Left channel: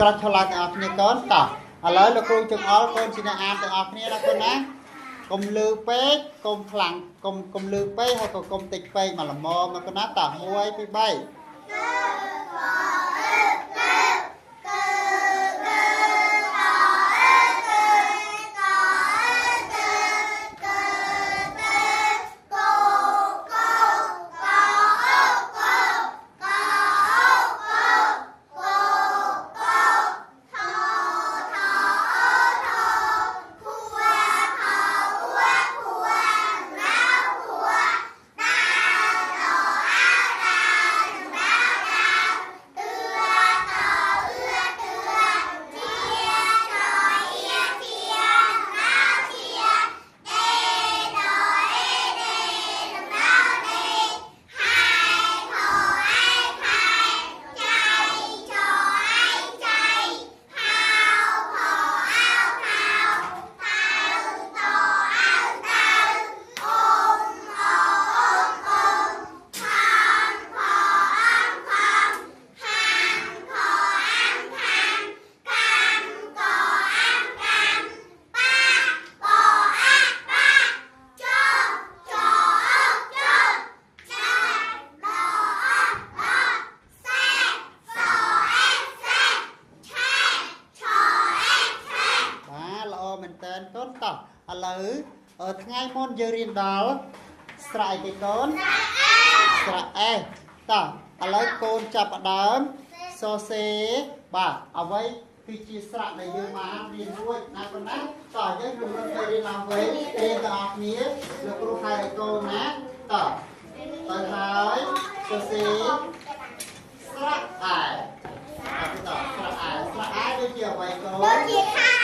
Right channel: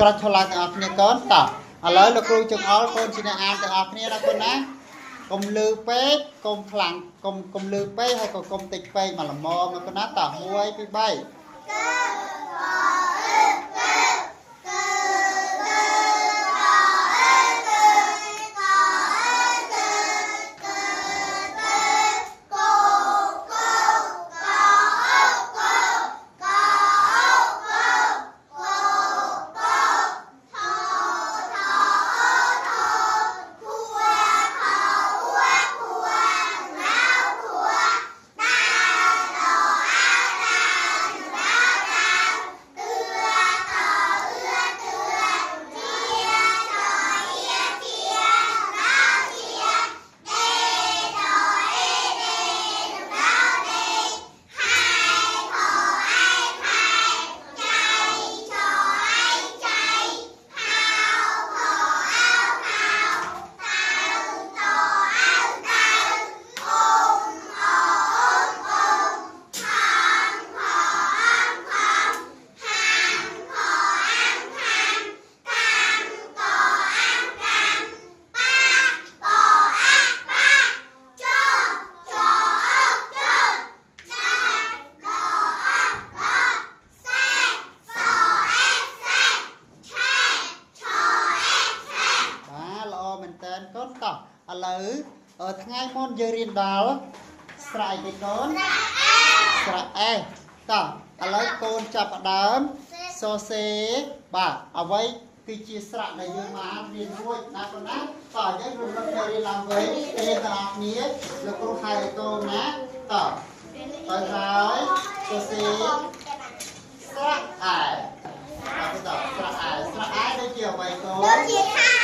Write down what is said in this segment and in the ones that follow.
ក្រាច់ឆ្លាតទាំងអស់គ្នាកូនតោះឥឡូវលោកគ្រូចង្អល់កូនជាអ្នកអានទាំងអស់គ្នាណាកូនណាកុំលឺពេកកុំខ្លាំងកុំលឺពេកហើយក៏កុំតិចពេកមកល្មមមកកូនណាតោះ1 2 3កូនតោះឥឡូវថ្ងៃមុនយើងរៀនដល់ស្រៈអីទេកូនស្រៈអេតោះឥឡូវកូនចាប់ផ្ដើមសរសេរបាទអ្វីគឺជាស្រៈដែលយើងបានរៀនរួចណាកូនណាតោះយើងរំលឹកទៅរៀនឡើងវិញរៀនទាំងអស់គ្នាលោកគ្រូហៅឲ្យកូនណាតោះហើយសរសេរស្រៈអែតោះស្រៈអែដូចជាអ្វីកូនដូចជាខែ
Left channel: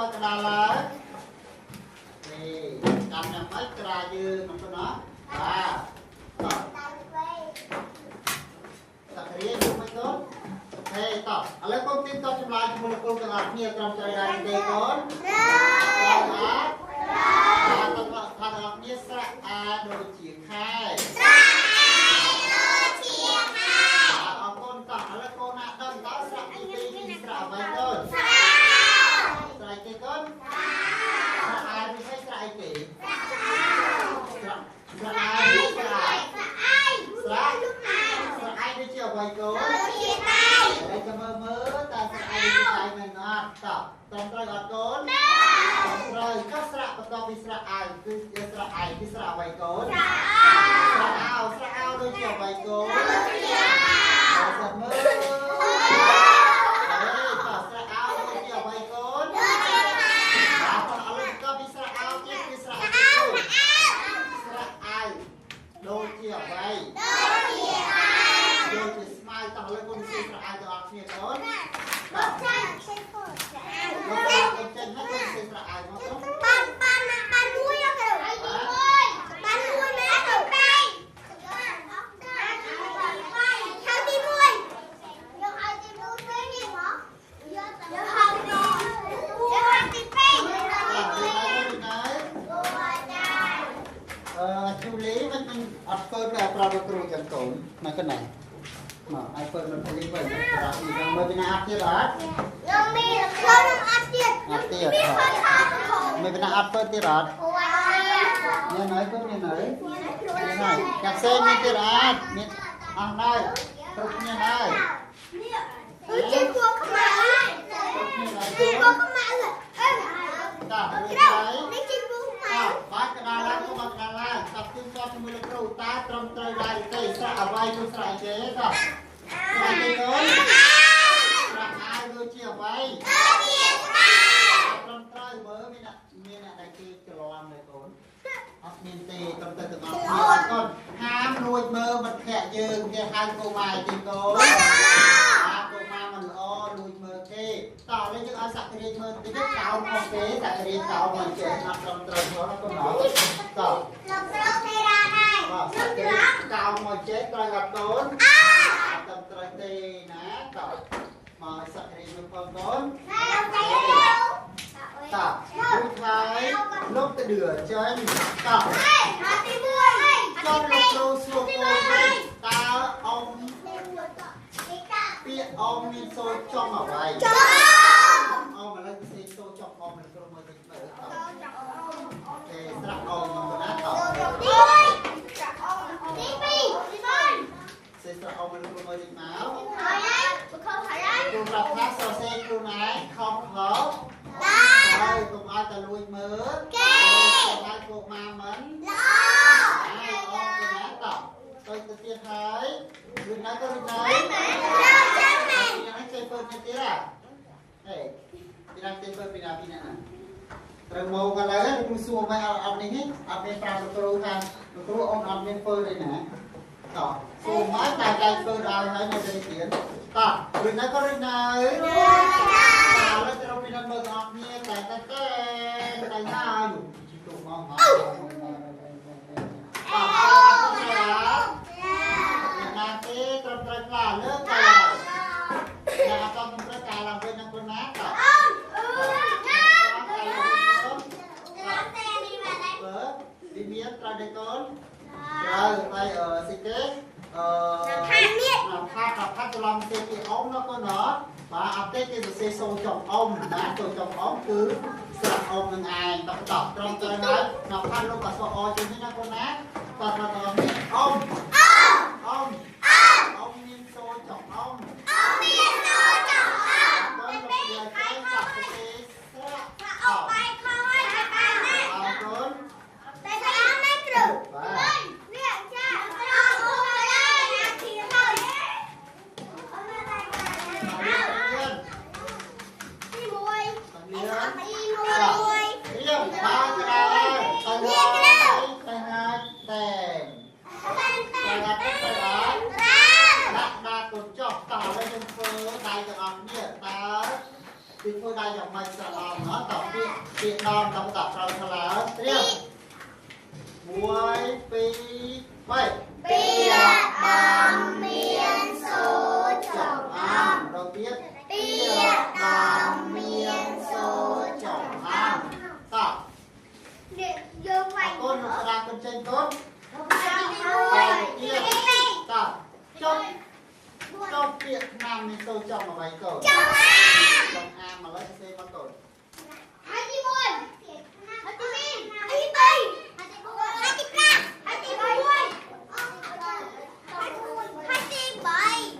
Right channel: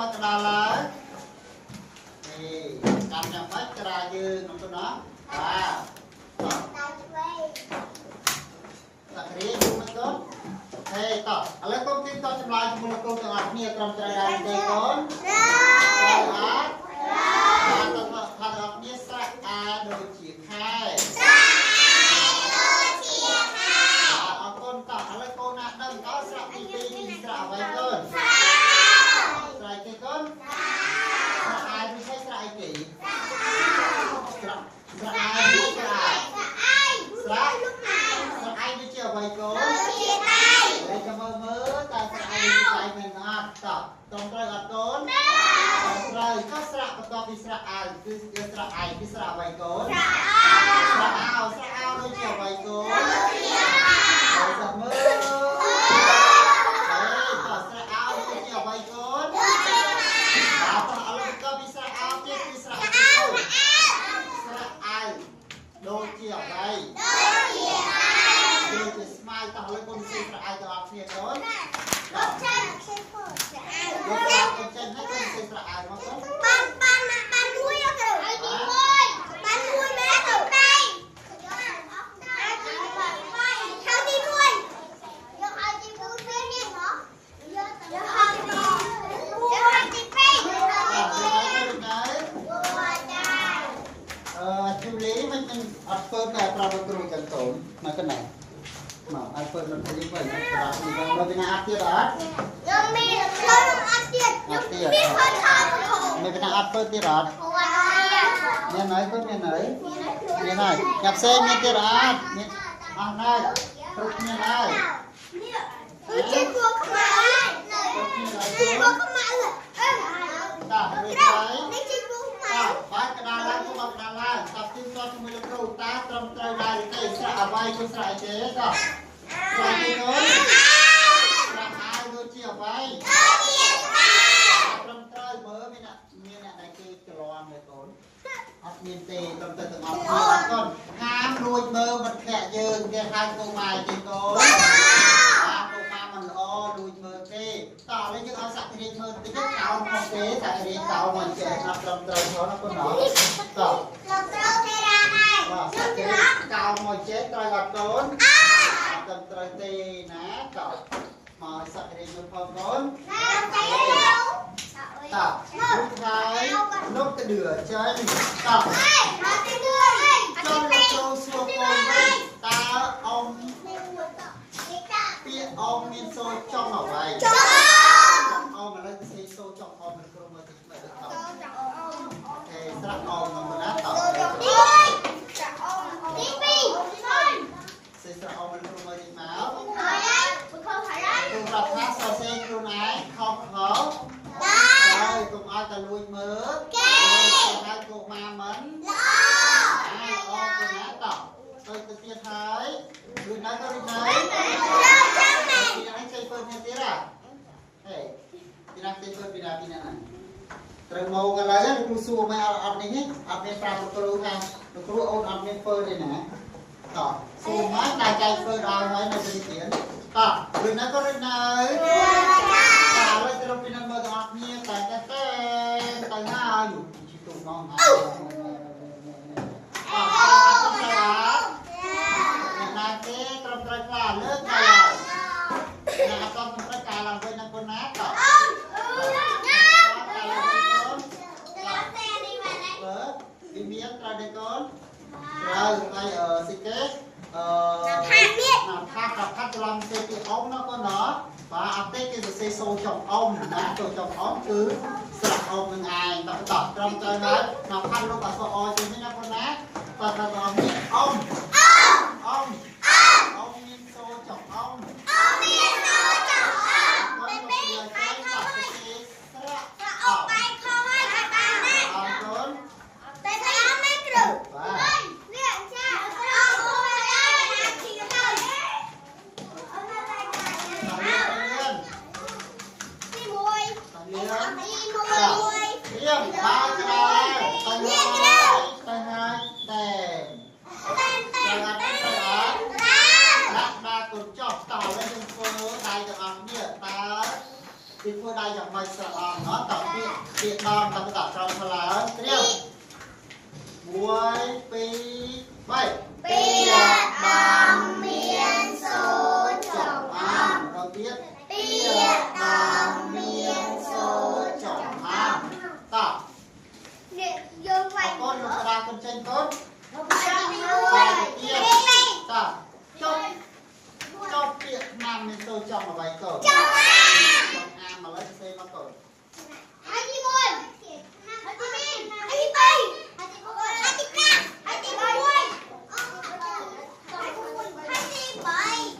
មកក្តារឡើយនេះតាមយ៉ាងម៉េចក្តារយើងក្នុងនោះណាបាទតោះតារៀនយូរមកកូនអូខេតោះឥឡូវកូនទីតចម្លើយជាមួយកូនទាំងអស់គ្នាត្រឹមត្រូវដែរទេកូនត្រូវអត់ថាទាំងអស់គ្នាស្រៈអាដូចជាខែអរគុណតោះឥឡូវកូនណាដឹងតើស្រៈទី2គឺស្រៈអ្វីកូនស្រៈអីគេកូនស្រៈអាយវាស្រៈអីគេស្រៈអាយស្រៈអាយដូចជាអ្វីកូនដូចជាដៃហើយក៏មើលតើស្រៈអាយដូចជាដៃមិនអត់តោះត្រឹមត្រូវអត់កូនត្រូវក៏ស្រៈបន្ទាប់ពីស្រៈអាយគឺស្រៈអាយគឺស្រៈអ្វីកូនស្រៈអោដូចជាអ្វីកូនដូចជាមើលមើលដូចជាអ្វីដូចជាស្មៅតោះលើកូនស៊ីស្រៈអាយទាំងអស់គ្នាកូនលោកចាស់ចេញកូនលោកកូនចេញហើយកូនស៊ីស្រៈអាយមកកូនបានមួយអត់ទៅបានមួយមែនទៅតែហៅទីមួយយកឲ្យទីមួយទៅនេះមកយកឲ្យទីពីរជូលីមិនអត់ធ្វើតែប្រាប់លោកគ្រូចឹងកូនមកកណ្ណាមកឲ្យធ្វើមិនទៅវិញប្រាប់នេះមកពីណាអត់ទៀតអត់ខ្ញុំមានខ្ញុំអត់ទៀតខ្ញុំមានធ្វើថាមានពីណាអត់ធ្វើទៀតអត់មានហើយកូនមានហើយកាផ្សេងមានទៀតអត់មានអស់ហើយគ្រប់គ្នាហើយនេះជាគួរខ្មៅជាគួរខ្មៅតានេះជាគួរខ្មៅបាទកណ្ដាលឡើងមកកណ្ដាលឡើងចាប់ទីតជាមួយលោកគ្រូតាត្រឹមត្រូវដែរទេស្រៈអ្វីគឺស្រៈអីទេតោះស្រៈទេកូនស្រៈអាយដូចជាអ្វីដូចជាស្មាត្រឹមត្រូវមើលមានអ្នកដែលគេច្រឡំទេកូនអត់មានទេត្រឹមត្រូវទាំងអស់គ្នាអត់កូនហាមលួចមើលមិត្តភក្តិយើងគេហៅកូនម៉ែទេកូនតោះឥឡូវយើងឲ្យសាក់រៀនមើលតិចទៅកោនមកទេសាក់រៀនកោនមកចេះណាត់ត្រឹមត្រូវផងណាកូនណោះតោះលោកគ្រូទេរ៉ាដែរបាទសាក់រៀនកោនមកចេះត្រូវអត់កូនអត់ត្រឹមត្រូវទេណាតោះ mà sạc cái này con ta lúc hai lúc cái đửa chân ta trong lúc lâu xua con ta ông ông nên xô trong ở vậy ông mà lấy cái xô trong ông mình không mà thích nữa ok sắp ông mà nát tỏ sẽ sắp ông mình không mà đi máu tôi đặt hát sơ sen tôi nói không khó đây cùng ai ta lui mớ hai cô ma mến ai ông tôi nát tỏ tôi tự tiên thấy đừng nói tôi đi nói đi nói chơi phơi như thế à hey đi nói chơi phơi pina pina terus mau cái lấy đi mua xua mai ăn này hết ăn bên trang tôi hàng tôi ôn ăn bên phơi đây nè đó xua máy đại chạy phơi đào hay nó đi tiền à đừng nói có đừng nói à lấy terus pina mau ăn nia tay nào chỉ tụng mong terus là lớp này là con cũng phải cài làm bên năm con nát rồi đi biết ra đây con rồi tay ở xịt kết phát cho lòng xe cái ống nó có nó và áp tết cái xe xô chồng ông nát rồi chồng ống cứ sợ ông đừng ai tập tập trong chơi nói mà phát lúc cả số oi cho những nó con nát và ông nhiên xô chồng ông thì phơi đây dòng mây sờ nó tập việc đòn tập tập rồi thật là tiếp muối pi vậy pi bằng miên số chồng ăn đầu tiên pi bằng miên số chồng ăn tập con một ra con trên con và tiếp tập trong Việt Nam mình tôi chồng là bài cờ chồng ăn mà lấy xe mà cờ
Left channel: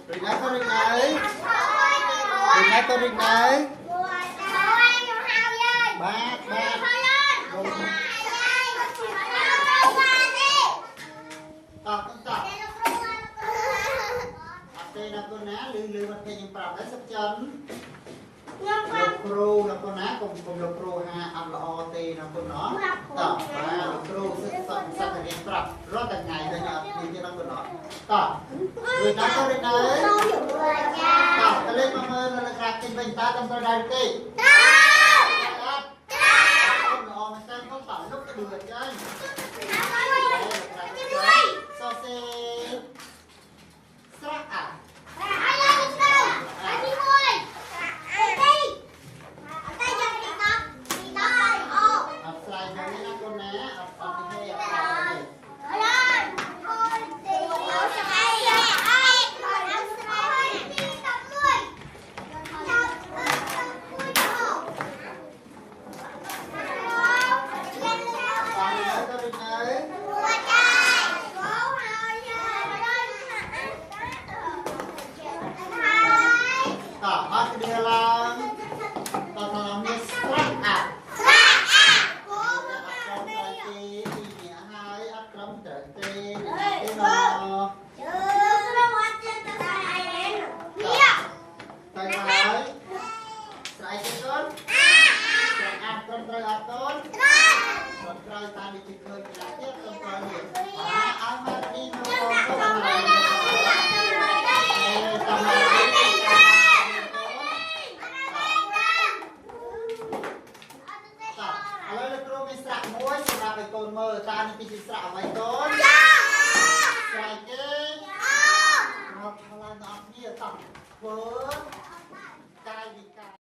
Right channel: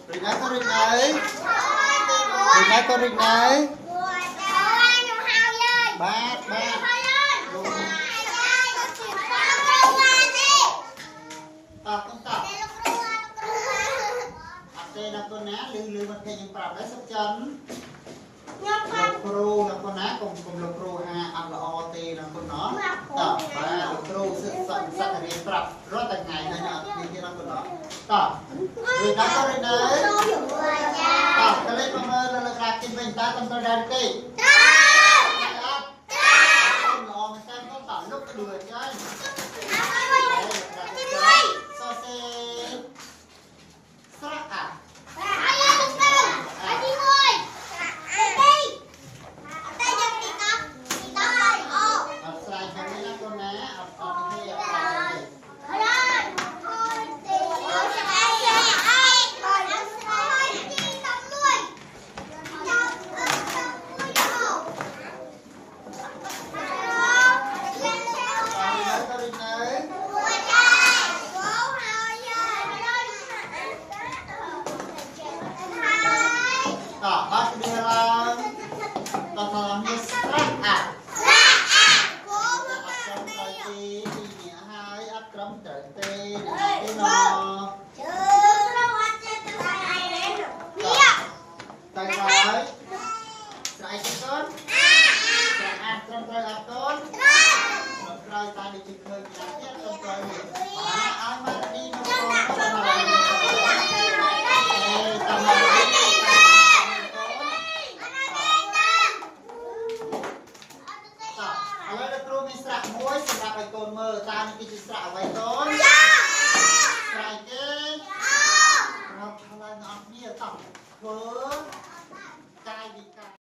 Rình này có rình này rình này có rình này ba con tập đây là con ná lưu mặt thầy những bảo sắp chân lục pro là con ná cùng lục pro ha ăn là o tê là con nó tập và lục pro sắp thầy những bảo rất là ngày đây là như thế là con nó tập người ta có đây đấy tập cái lên con ơi là gạt trên mình ta tâm tôi đây đi nó xem không phải lúc cái đùi chơi so xe sắp à con mơ ta đi cái sạ vậy thôi cái nó thay nó như tập với